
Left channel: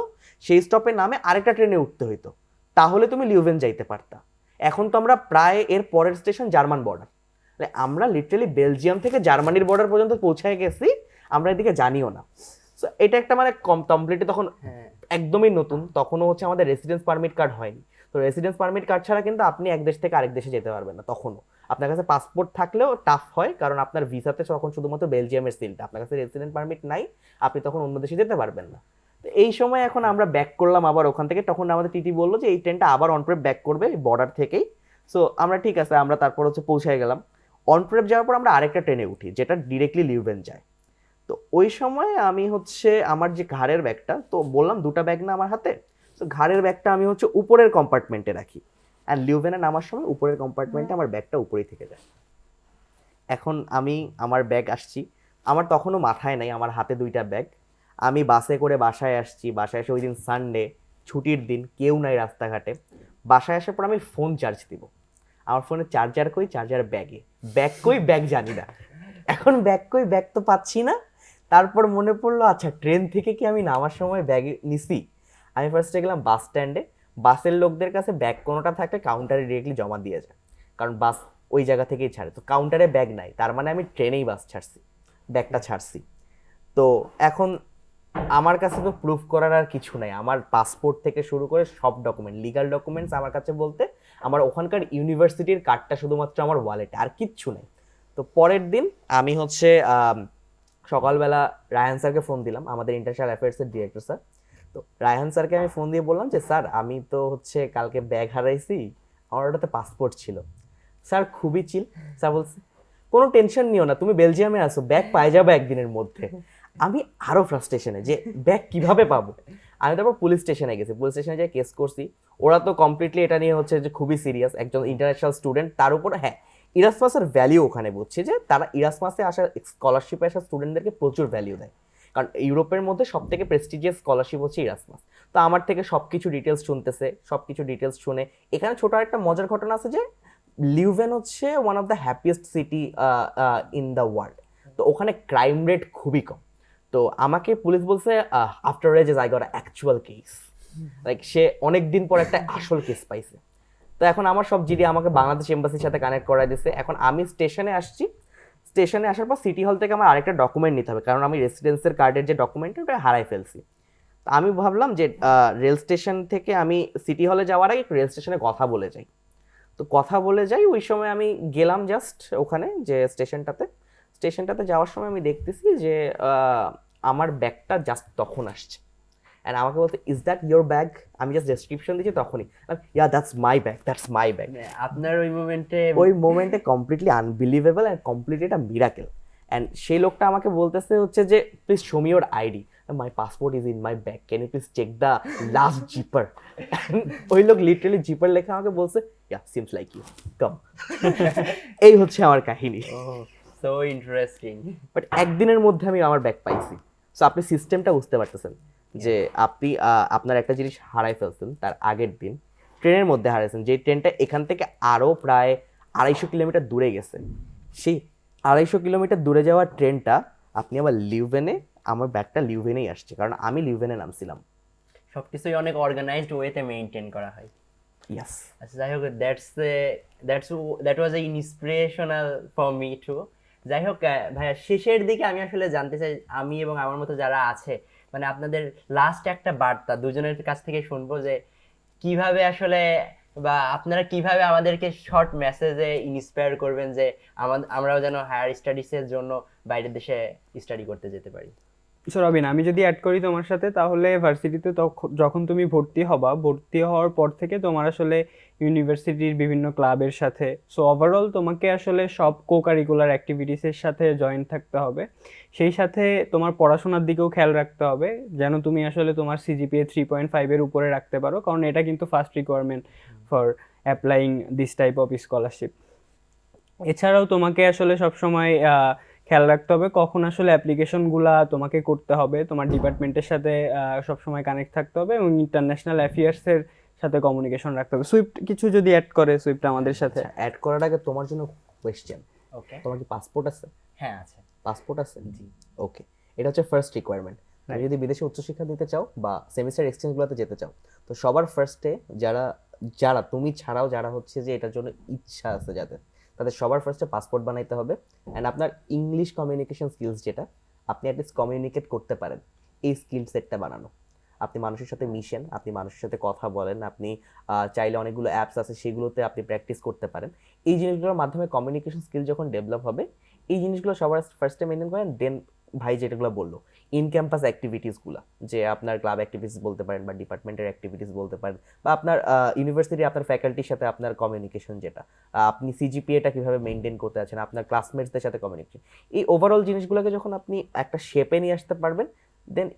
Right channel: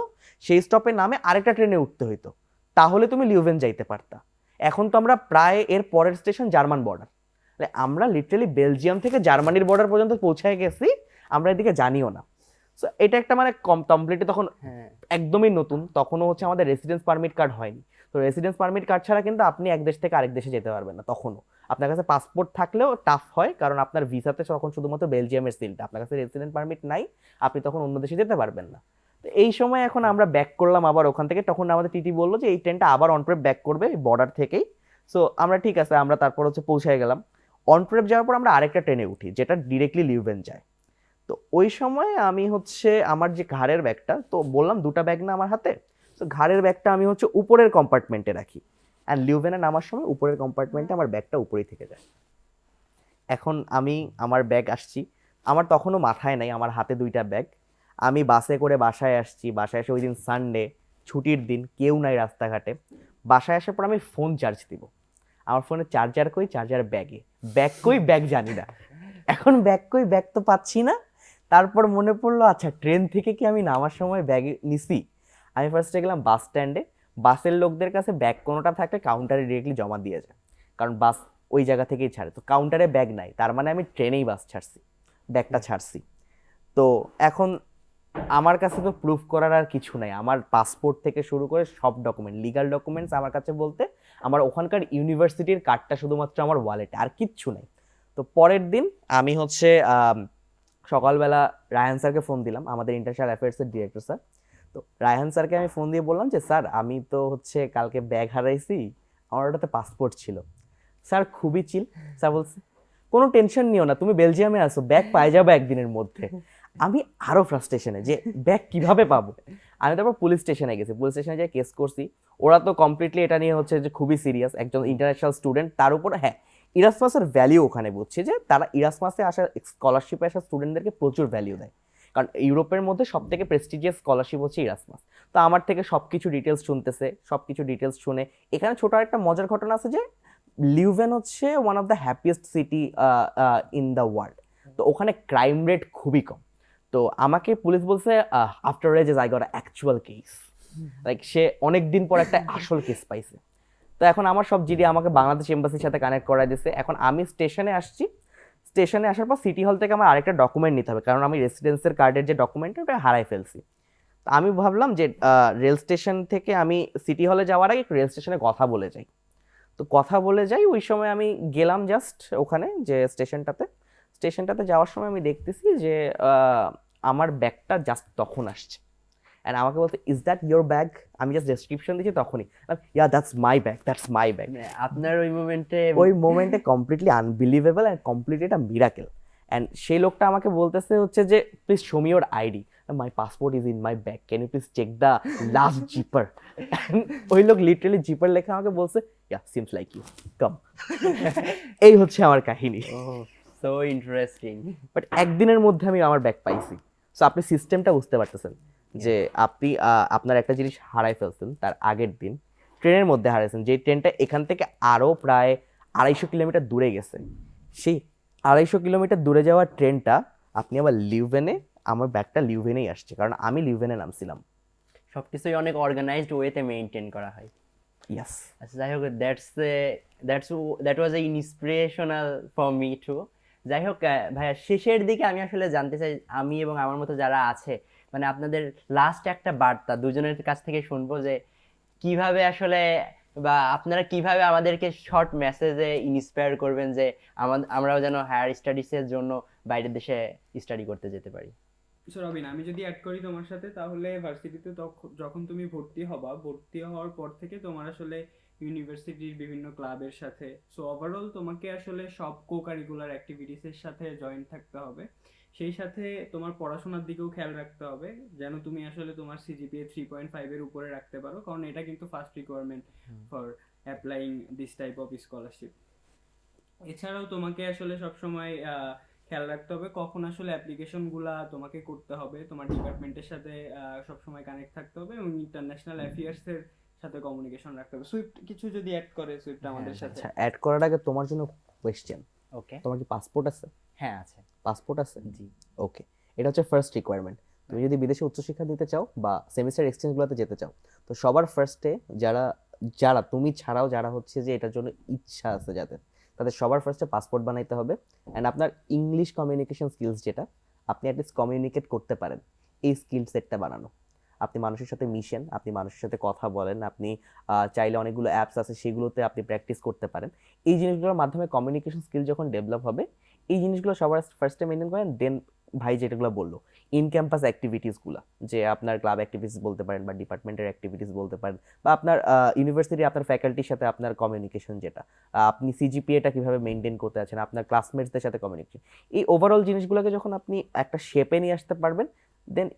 সেই স্টপে নামে আরেকটা ট্রেনে উঠতে হইতো, তাহলে তুমি লিউভেন যাইতে পারতা। এখন তো আমরা প্রায় এর পরের স্টেশন জার্মান বর্ডার, আমরা লিটারালি বেলজিয়াম থেকে জার্মানির বর্ডার পর্যন্ত পৌঁছায় গেছি, আমরা এদিকে জানিও না। সো এটা একটা মানে কমপ্লিটলি তখন একদমই নতুন, তখনও হচ্ছে আমাদের রেসিডেন্স পারমিট কার্ড হয়নি। তো রেসিডেন্স পারমিট কার্ড ছাড়া কিন্তু আপনি এক দেশ থেকে আরেক দেশে যেতে পারবেন না। তখনও আপনার কাছে পাসপোর্ট থাকলেও টাফ হয়, কারণ আপনার ভিসাতে তখন শুধুমাত্র বেলজিয়ামের সিলটা, আপনার কাছে রেসিডেন্ট পারমিট নাই, আপনি তখন অন্য দেশে যেতে পারবেন না। তো এই সময় এখন আমরা ব্যাক করলাম আবার ওখান থেকে, তখন আমাদের টিটি বললো যে এই ট্রেনটা আবার অনপ্রেপ ব্যাক করবে বর্ডার থেকেই। সো আমরা ঠিক আছে, আমরা তারপর হচ্ছে পৌঁছায় গেলাম। অনপ্রেপ যাওয়ার পর আমরা আরেকটা ট্রেনে উঠি যেটা ডিরেক্টলি লিউভেন যায়। তো ওই সময় আমি হচ্ছে আমার যে ঘাড়ের ব্যাগটা, তো বললাম 2টা ব্যাগ না আমার হাতে, তো ঘাড়ের ব্যাগটা আমি হচ্ছে উপরের কম্পার্টমেন্টে রাখি, অ্যান্ড লিউভেনে নামার সময় উপরের কম্পার্টমেন্টে আমার ব্যাগটা উপরেই থেকে যায়। এখন আমি আমার ব্যাগ আসছি, আমার তখনও মাথায় নাই, আমার হাতে 2টা ব্যাগ। আমি বাসে করে বাসায় আসছি, বাসায় এসে ওই দিন সানডে, ছুটির দিন, কেউ নাই রাস্তাঘাটে। বাসায় আসার পর আমি ফোন চার্জ দিব, আমার ফোনে চার্জার কই, চার্জার ব্যাগে, ব্যাগ কই, ব্যাগ জানি না। এখন ব্যাগ কই, ব্যাগ তো পাচ্ছি না। তারপর মনে পড়লো আচ্ছা ট্রেন থেকে কি আমি নামার সময় ব্যাগ নিছি? আমি ফার্স্টে গেলাম বাস স্ট্যান্ডে, বাসের লোকদের কাছে ব্যাগ কোনোটা থাকলে কাউন্টারে ডিরেক্টলি জমা দিয়ে যায়, কারণ বাস ওই জায়গা থেকেই ছাড়ে। তো কাউন্টারে ব্যাগ নাই, তার মানে আমি ট্রেনেই বাস ছাড়ছি, ব্যাগটা ছাড়ছি। তো এখন আমার কাছে তো প্রুফ করার আর কিছু নাই, আমার পাসপোর্ট থেকে শুরু করে সব ডকুমেন্ট, লিগাল ডকুমেন্টস আমার কাছে বলতে আমার ওখানকার ইউনিভার্সিটির কার্ডটা শুধুমাত্র আমার ওয়ালেটে, আর কিচ্ছু নেই। তো পরের দিন আমি হচ্ছে সকালবেলা রায়হান স্যারকে ফোন দিলাম, আমাদের ইন্টারন্যাশনাল অ্যাফেয়ার্সের ডিরেক্টর স্যার। তো রায়হান স্যারকে আমি ফোন দিয়ে বললাম যে স্যার আমি তো হচ্ছে কালকে ব্যাগ হারাইছি, আমার ওটাতে পাসপোর্ট ছিল। স্যার খুবই চিল, স্যার বলছে কোনো টেনশন নিও না, তুমি বেলজিয়ামে আসো, ব্যাগ পাই যাবে একদিনের মধ্যে। আমি আরও ফ্রাস্ট্রেশনে যে ব্যাগ কিভাবে পাবো। আমি তারপর পুলিশ স্টেশনে গেছি, পুলিশ স্টেশনে যাই কেস করছি। ওরা তো কমপ্লিটলি এটা নিয়ে হচ্ছে যে খুবই সিরিয়াস, একজন ইন্টারন্যাশনাল স্টুডেন্ট, তার উপর হ্যাঁ ইরাসমাসের ভ্যালিউ ওখানে বুঝছে যে তারা ইরাসমাসে আসা স্কলারশিপে আসা স্টুডেন্টদেরকে প্রচুর ভ্যালিউ দেয়, কারণ ইউরোপের মধ্যে সব থেকে প্রেস্টিজিয়াস স্কলারশিপ হচ্ছে ইরাসমাস। তো আমার থেকে সব কিছু ডিটেলস শুনতেছে, সব কিছু ডিটেলস শুনে এখানে ছোট একটা মজার ঘটনা আছে যে লিউভেন হচ্ছে one of the happiest city in the world. তো ওখানে ক্রাইম রেট খুবই কম। তো আমাকে পুলিশ বলছে after ages I got actual case, like সে অনেক দিন পর একটা আসল কেস পাইছে। তো এখন আমার সব জিডি আমাকে বাংলাদেশ এম্বাসির সাথে কানেক্ট করাই দিয়েছে। এখন আমি স্টেশনে আসছি, স্টেশনে আসার পর সিটি হল থেকে আমার আরেকটা ডকুমেন্ট নিতে হবে, কারণ আমি রেসিডেন্সের কার্ডের যে ডকুমেন্ট ওটা হারাই ফেলছি। তো আমি ভাবলাম যে রেল স্টেশন থেকে আমি সিটি হলে যাওয়ার আগে একটু রেল স্টেশনে কথা বলে যাই। তো কথা বলে যাই, ওই সময় আমি গেলাম জাস্ট ওখানে যে স্টেশনটাতে যাওয়ার সময় আমি দেখতেছি যে আমার ব্যাগটা জাস্ট তখন আসছে, অ্যান্ড আমাকে বলতে ইজ দ্যাট ইয়োর ব্যাগ? আমি জাস্ট ডেসক্রিপশন দিচ্ছি তখনই, ya that's my bag, that's my bag. আপনার ওই মোমেন্টে কমপ্লিটলি আনবিলিভেবল অ্যান্ড কমপ্লিটলি একটা মিরাকেল। অ্যান্ড সেই লোকটা আমাকে বলতেছে হচ্ছে যে please show me your ID, my passport is in my bag, can you please check the last zipper? ওই লোক লিটারালি জিপার লেখা আমাকে বলছে, ya seems like you, come. এই হচ্ছে আমার কাহিনী। So interesting. বাট একদিনের মধ্যে আমি আমার ব্যাগ পাইছি। সো আপনি সিস্টেমটা বুঝতে পারতেছেন যে আপনি আপনার একটা জিনিস হারাই ফেলছেন তার আগের দিন, ট্রেনের মধ্যে হারিয়েছেন, যে ট্রেনটা এখান থেকে আরও প্রায় 250 কিলোমিটার দূরে গেছে, সেই 250 কিলোমিটার দূরে যাওয়া ট্রেনটা আপনি আবার লিউভেনে, আমার ব্যাগটা লিউভেনেই আসছে, কারণ আমি লিউভেনে নামছিলাম। সবকিছুই অনেক অর্গানাইজড ওয়েতে মেনটেন করা হয়। ইয়াস। আচ্ছা, যাই হোক, that was A inspirational for me two. যাই হোক ভাইয়া, শেষের দিকে আমি আসলে জানতে চাই, আমি এবং আমার মতো যারা আছে, মানে আপনাদের লাস্ট একটা বার্তা দুজনের কাছ থেকে শুনবো, যে কিভাবে আসলে, বা আপনারা কিভাবে আমাদেরকে শর্ট মেসেজে ইন্সপায়ার করবেন যে আমরাও যেন হায়ার স্টাডিজের জন্য বাইরের দেশে স্টাডি করতে যেতে পারি। সো রবিন, আমি যদি অ্যাড করি তোমার সাথে, তাহলে ভার্সিটিতে যখন তুমি ভর্তি হওয়ার পর থেকে তোমার আসলে ইউনিভার্সিটির বিভিন্ন ক্লাবের সাথে, সো ওভারঅল তোমাকে আসলে সব কো কারিকুলার অ্যাক্টিভিটিসের সাথে জয়েন থাকতে হবে। সেই সাথে তোমার পড়াশোনার দিকেও খেয়াল রাখতে হবে, যেন তুমি আসলে তোমার সিজিপিএ 3.5 এর উপরে রাখতে পারো, কারণ এটা কিন্তু first requirement for applying this type of scholarship. এছাড়াও তোমাকে আসলে সবসময় খেয়াল রাখতে হবে কখন আসলে অ্যাপ্লিকেশনগুলা তোমাকে করতে হবে, তোমার ডিপার্টমেন্টের সাথে সবসময় কানেক্ট থাকতে হবে, এবং ইন্টারন্যাশনাল অ্যাফেয়ার্সের সাথে কমিউনিকেশন রাখতে হবে। সুইফট কিছু যদি অ্যাড করে সুইফট আমাদের সাথে। আচ্ছা, অ্যাড করার আগে তোমার জন্য কোয়েশ্চেন, ওকে। তোমার কি পাসপোর্ট আছে? হ্যাঁ, আছে। পাসপোর্ট আছে? জি। ওকে, এটা হচ্ছে ফার্স্ট রিকোয়ারমেন্ট। তুমি যদি বিদেশে উচ্চশিক্ষা দিতে চাও বা সেমিস্টার এক্সচেঞ্জগুলোতে যেতে চাও, তো সবার ফার্স্টে যারা যারা তুমি ছাড়াও যারা হচ্ছে যে এটার জন্য ইচ্ছা আছে যাদের, তাদের সবার ফার্স্টে পাসপোর্ট বানাইতে হবে। অ্যান্ড আপনার ইংলিশ কমিউনিকেশন স্কিলস, যেটা আপনি অ্যাটলিস্ট কমিউনিকেট করতে পারেন, এই স্কিল সেটটা বানানো। আপনি মানুষের সাথে মিশেন, আপনি মানুষের সাথে কথা বলেন, আপনি চাইলে অনেকগুলো অ্যাপস আছে সেগুলোতে আপনি প্র্যাকটিস করতে পারেন। এই জিনিসগুলোর মাধ্যমে কমিউনিকেশন স্কিল যখন ডেভেলপ হবে, এই জিনিসগুলো সবার ফার্স্টে মেনটেন করেন। দেন ভাই যেটাগুলো বললো, ইন ক্যাম্পাস অ্যাক্টিভিটিসগুলো, যে আপনার ক্লাব অ্যাক্টিভিটিস বলতে পারেন বা ডিপার্টমেন্টের অ্যাক্টিভিটিস বলতে পারেন, বা আপনার ইউনিভার্সিটি আপনার ফ্যাকাল্টির সাথে আপনার কমিউনিকেশন, যেটা আপনি সিজিপিএটা কীভাবে মেনটেন করতে আছেন, আপনার ক্লাসমেটসদের সাথে কমিউনিকেশন, এই ওভারঅল জিনিসগুলোকে যখন আপনি একটা শেপে নিয়ে আসতে পারবেন, then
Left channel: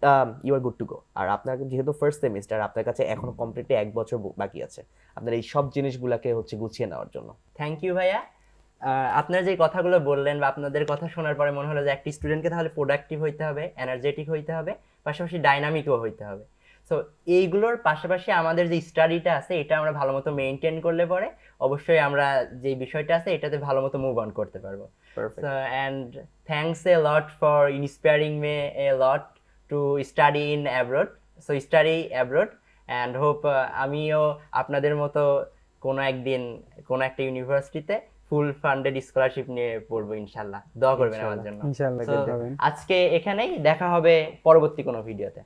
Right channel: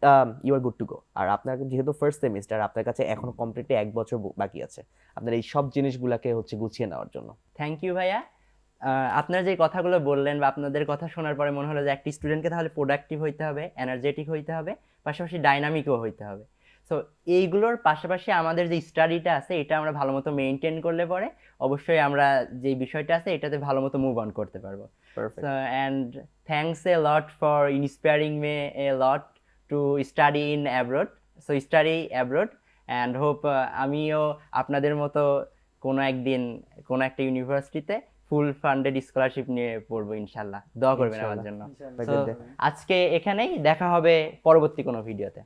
you are good to go. আর আপনার যেহেতু ফার্স্ট সেমিস্টার, আপনার কাছে এখনো কমপ্লিটলি 1 বছর বাকি আছে আপনার এই সব জিনিসগুলোকে হচ্ছে গুছিয়ে নেওয়ার জন্য। থ্যাংক ইউ ভাইয়া। আপনারা যে কথাগুলো বললেন বা আপনাদের কথা শোনার পরে মনে হলো যে একটি স্টুডেন্টকে তাহলে প্রোডাক্টিভ হইতে হবে, এনার্জেটিক হইতে হবে, পাশাপাশি ডাইনামিকও হইতে হবে। সো এইগুলোর পাশাপাশি আমাদের যে স্টাডিটা আছে, এটা আমরা ভালো মতো মেনটেন করলে পরে অবশ্যই আমরা যে বিষয়টা আছে এটাতে ভালো মতো মুভ অন করতে পারবো। Perfect. And thanks a lot for inspiring May A lot to study in abroad. So study abroad, and hope আমিও আপনাদের মতো কোনো একদিন কোনো একটা ইউনিভার্সিটিতে ফুল ফান্ডেড স্কলারশিপ নিয়ে পড়বো ইনশাল্লাহ। দোয়া করবেন আমার জন্য। ইনশাআল্লাহ। So, আজকে এখানেই দেখা হবে পরবর্তী কোনো ভিডিওতে।